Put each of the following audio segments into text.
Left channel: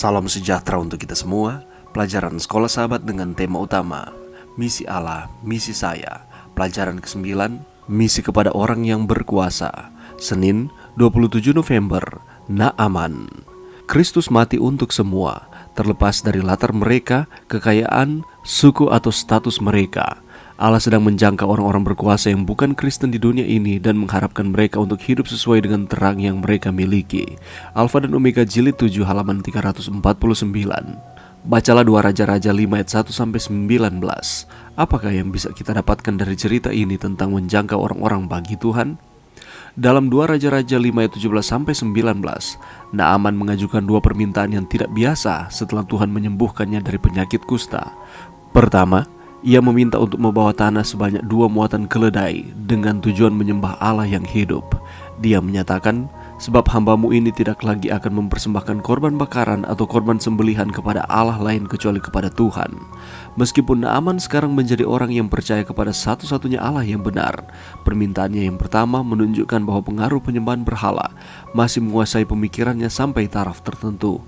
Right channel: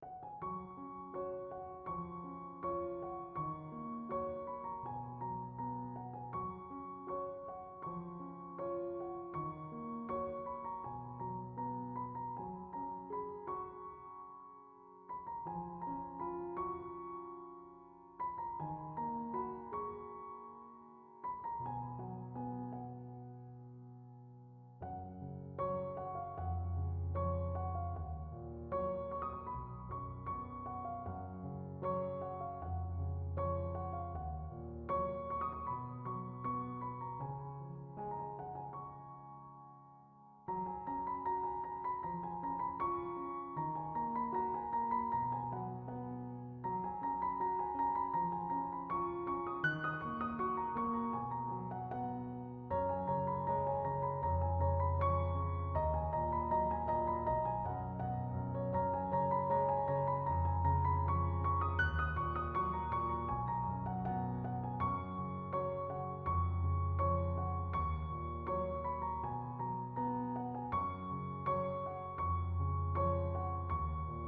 Salam sejahtera untuk kita semua. Pelajaran Sekolah Sahabat dengan tema utama Misi Allah, Misi Saya. Pelajaran ke-9, Misi kepada orang yang berkuasa. Senin, 27 November, Naaman. Kristus mati untuk semua, terlepas dari latar mereka, kekayaan, suku atau status mereka. Allah sedang menjangkau orang-orang berkuasa yang bukan Kristen di dunia ini dan mengharapkan mereka untuk hidup sesuai dengan terang yang mereka miliki. Alfa dan Omega jilid 7 halaman 349. Bacalah 2 Raja-Raja 5 ayat 1-19. Apakah yang bisa kita dapatkan dari cerita ini tentang menjangkau orang-orang bagi Tuhan? Dalam 2 Raja-Raja 5 ayat 17-19, Naaman mengajukan 2 permintaan yang tidak biasa setelah Tuhan menyembuhkannya dari penyakit kusta. Pertama, ia meminta untuk membawa tanah sebanyak 2 muatan keledai dengan tujuan menyembah Allah yang hidup. Dia menyatakan, sebab hambamu ini tidak lagi akan mempersembahkan korban bakaran atau korban sembelihan kepada Allah lain kecuali kepada Tuhan. Meskipun Naaman sekarang menjadi orang yang percaya kepada satu-satunya Allah yang benar, permintaannya yang pertama menunjukkan bahwa pengaruh penyembahan berhala masih menguasai pemikirannya sampai taraf tertentu.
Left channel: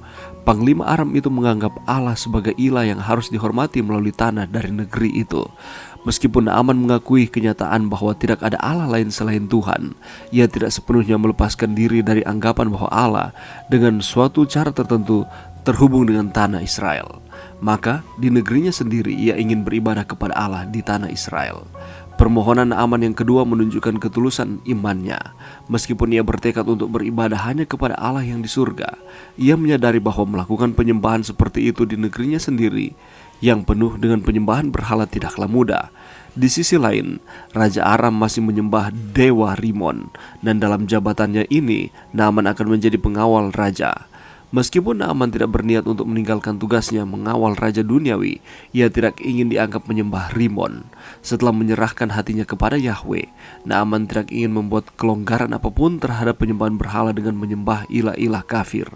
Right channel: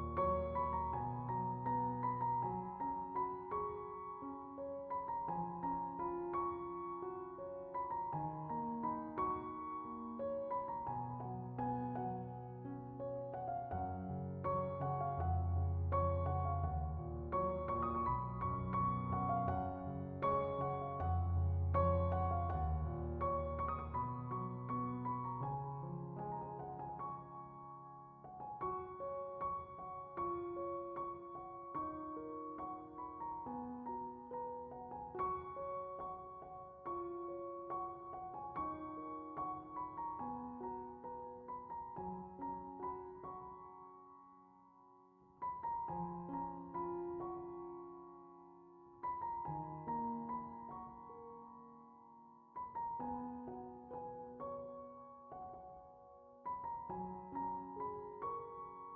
Panglima Aram itu menganggap Allah sebagai ilah yang harus dihormati melalui tanah dari negeri itu. Meskipun Naaman mengakui kenyataan bahwa tidak ada Allah lain selain Tuhan, ia tidak sepenuhnya melepaskan diri dari anggapan bahwa Allah dengan suatu cara tertentu terhubung dengan tanah Israel. Maka di negerinya sendiri ia ingin beribadah kepada Allah di tanah Israel. Permohonan Naaman yang kedua menunjukkan ketulusan imannya. Meskipun ia bertekad untuk beribadah hanya kepada Allah yang di surga, ia menyadari bahwa melakukan penyembahan seperti itu di negerinya sendiri yang penuh dengan penyembahan berhala tidaklah mudah. Di sisi lain, Raja Aram masih menyembah Dewa Rimon, dan dalam jabatannya ini Naaman akan menjadi pengawal raja. Meskipun Naaman tidak berniat untuk meninggalkan tugasnya mengawal raja duniawi, ia tidak ingin dianggap menyembah Rimon. Setelah menyerahkan hatinya kepada Yahweh, Naaman tidak ingin membuat kelonggaran apapun terhadap penyembahan berhala dengan menyembah ilah-ilah kafir.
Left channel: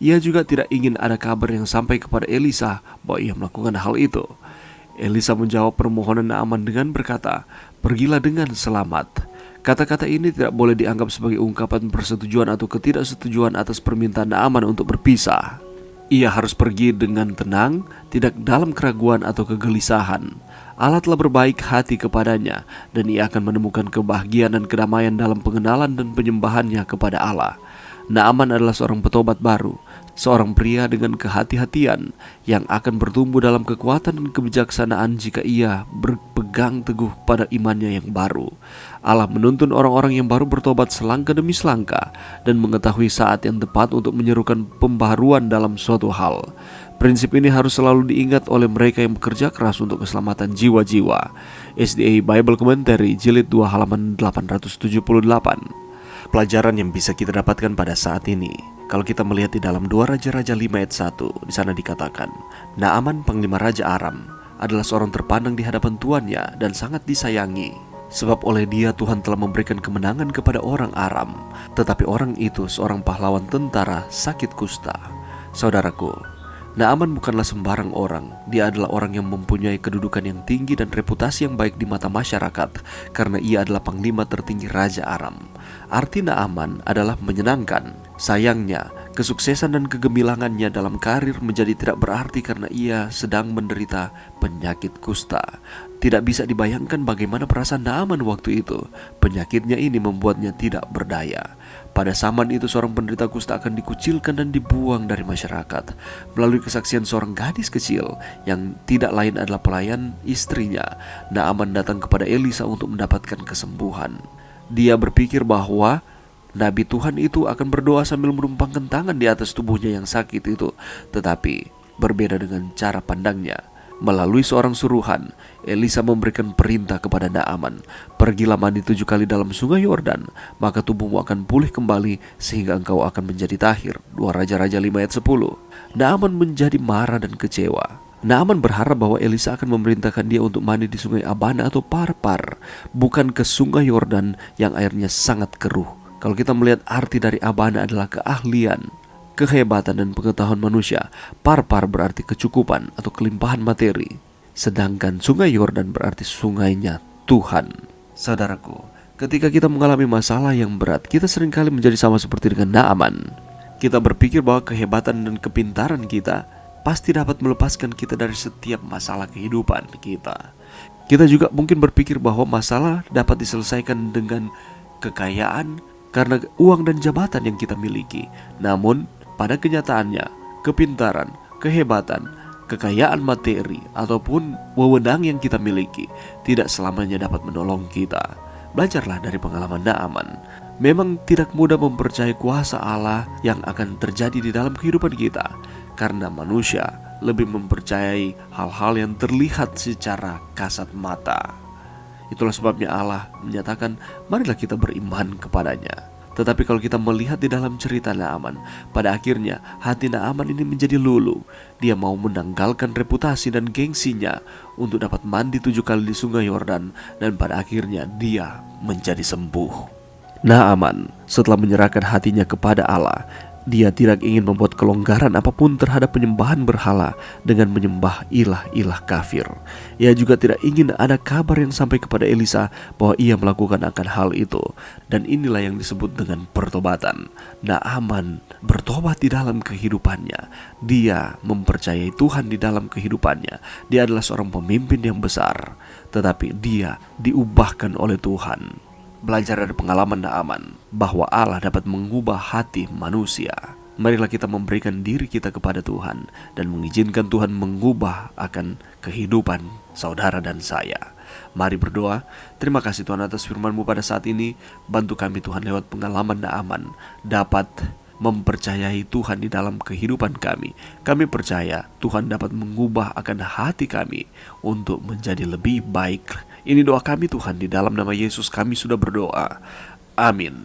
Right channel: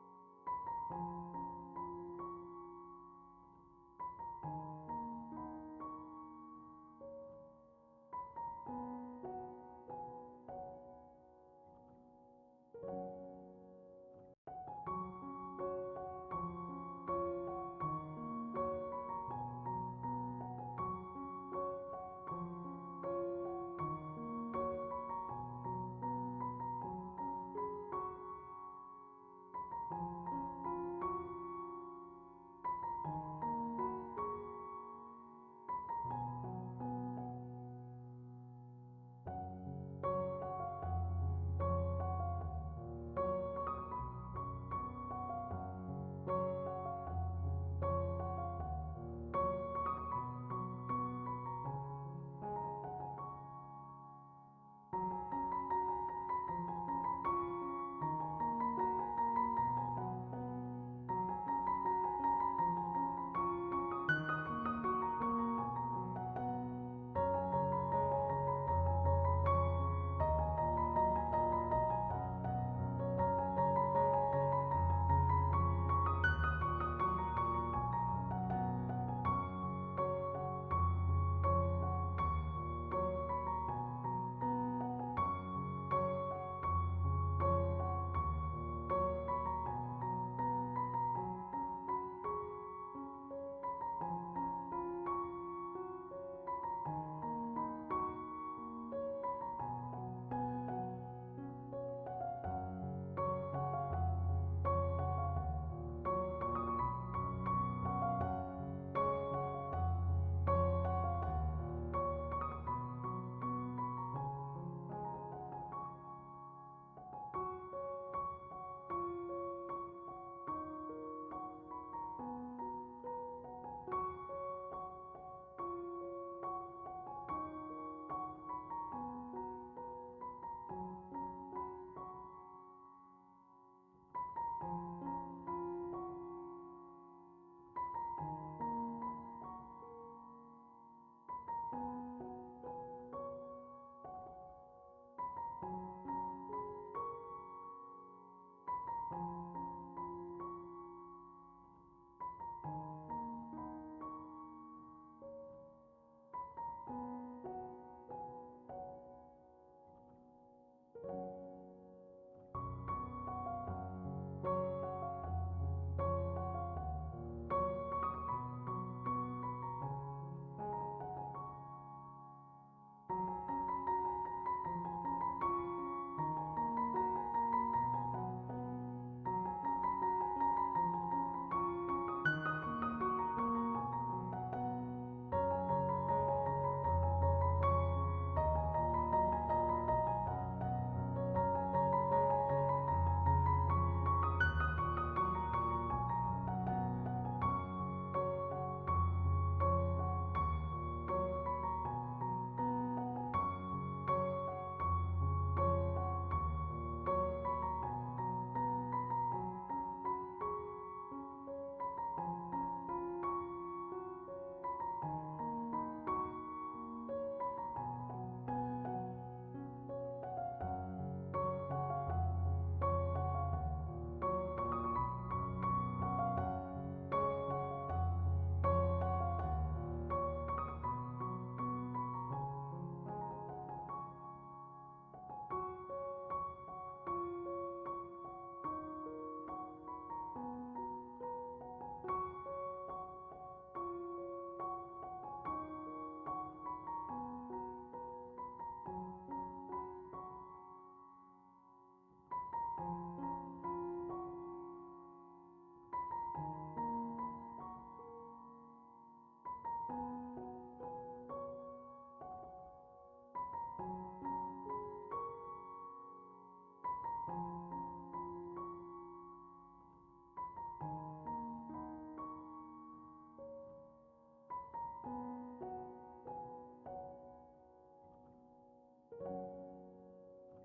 Ia juga tidak ingin ada kabar yang sampai kepada Elisa bahwa ia melakukan hal itu. Elisa menjawab permohonan Naaman dengan berkata, "Pergilah dengan selamat." Kata-kata ini tidak boleh dianggap sebagai ungkapan persetujuan atau ketidaksetujuan atas permintaan Naaman untuk berpisah. Ia harus pergi dengan tenang, tidak dalam keraguan atau kegelisahan. Allah telah berbaik hati kepadanya, dan ia akan menemukan kebahagiaan dan kedamaian dalam pengenalan dan penyembahannya kepada Allah. Naaman adalah seorang petobat baru, seorang pria dengan kehati-hatian yang akan bertumbuh dalam kekuatan dan kebijaksanaan jika ia berpegang teguh pada imannya yang baru. Allah menuntun orang-orang yang baru bertobat selangkah demi selangkah dan mengetahui saat yang tepat untuk menyerukan pembaharuan dalam suatu hal. Prinsip ini harus selalu diingat oleh mereka yang bekerja keras untuk keselamatan jiwa-jiwa. SDA Bible Commentary jilid 2 halaman 878. Pelajaran yang bisa kita dapatkan pada saat ini, kalau kita melihat di dalam 2 Raja-Raja 5 ayat 1, di sana dikatakan, Naaman panglima Raja Aram adalah seorang terpandang di hadapan tuannya dan sangat disayangi. Sebab oleh dia Tuhan telah memberikan kemenangan kepada orang Aram. Tetapi orang itu seorang pahlawan tentara sakit kusta. Saudaraku, Naaman bukanlah sembarang orang. Dia adalah orang yang mempunyai kedudukan yang tinggi dan reputasi yang baik di mata masyarakat, karena ia adalah panglima tertinggi Raja Aram. Arti Naaman adalah menyenangkan. Sayangnya, kesuksesan dan kegemilangannya dalam karir menjadi tidak berarti karena ia sedang menderita penyakit kusta. Tidak bisa dibayangkan bagaimana perasaan Naaman waktu itu. Penyakitnya ini membuatnya tidak berdaya. Pada zaman itu seorang penderita kusta akan dikucilkan dan dibuang dari masyarakat. Melalui kesaksian seorang gadis kecil yang tidak lain adalah pelayan istrinya, Naaman datang kepada Elisa untuk mendapatkan kesembuhan. Dia berpikir bahwa Nabi Tuhan itu akan berdoa sambil menumpangkan tangan di atas tubuhnya yang sakit itu. Tetapi berbeda dengan cara pandangnya. Melalui seorang suruhan, Elisa memberikan perintah kepada Naaman, "Pergilah mandi 7 kali dalam sungai Yordan, maka tubuhmu akan pulih kembali sehingga engkau akan menjadi tahir." 2 Raja-Raja 5 ayat 10. Naaman menjadi marah dan kecewa. Naaman berharap bahwa Elisa akan memerintahkan dia untuk mandi di sungai Abana atau Parpar, bukan ke sungai Yordan yang airnya sangat keruh. Kalau kita melihat arti dari Abana adalah keahlian, kehebatan dan pengetahuan manusia, Parpar berarti kecukupan atau kelimpahan materi, sedangkan sungai Yordan berarti sungainya Tuhan. Saudaraku, ketika kita mengalami masalah yang berat, kita seringkali menjadi sama seperti dengan Naaman. Kita berpikir bahwa kehebatan dan kepintaran kita pasti dapat melepaskan kita dari setiap masalah kehidupan kita. Kita juga mungkin berpikir bahwa masalah dapat diselesaikan dengan kekayaan karena uang dan jabatan yang kita miliki. Namun, pada kenyataannya, kepintaran, kehebatan, kekayaan materi, ataupun wewenang yang kita miliki tidak selamanya dapat menolong kita. Belajarlah dari pengalaman Naaman. Memang tidak mudah mempercayai kuasa Allah yang akan terjadi di dalam kehidupan kita, karena manusia lebih mempercayai hal-hal yang terlihat secara kasat mata. Itulah sebabnya Allah menyatakan, marilah kita beriman kepadanya. Tetapi kalau kita melihat di dalam cerita Naaman, pada akhirnya hati Naaman ini menjadi luluh. Dia mau menanggalkan reputasi dan gengsinya untuk dapat mandi 7 kali di sungai Yordan, dan pada akhirnya dia menjadi sembuh. Naaman setelah menyerahkan hatinya kepada Allah, dia tidak ingin membuat kelonggaran apapun terhadap penyembahan berhala dengan menyembah ilah-ilah kafir. Ia juga tidak ingin ada kabar yang sampai kepada Elisa bahwa ia melakukan akan hal itu. Dan inilah yang disebut dengan pertobatan. Naaman bertobat di dalam kehidupannya. Dia mempercayai Tuhan di dalam kehidupannya. Dia adalah seorang pemimpin yang besar, tetapi dia diubahkan oleh Tuhan. Belajar dari pengalaman Naaman bahwa Allah dapat mengubah hati manusia. Marilah kita memberikan diri kita kepada Tuhan dan mengizinkan Tuhan mengubah akan kehidupan saudara dan saya. Mari berdoa. Terima kasih Tuhan atas firman-Mu pada saat ini. Bantu kami Tuhan lewat pengalaman Naaman dapat mempercayai Tuhan di dalam kehidupan kami. Kami percaya Tuhan dapat mengubah akan hati kami untuk menjadi lebih baik. Ini doa kami Tuhan, di dalam nama Yesus kami sudah berdoa. Amin.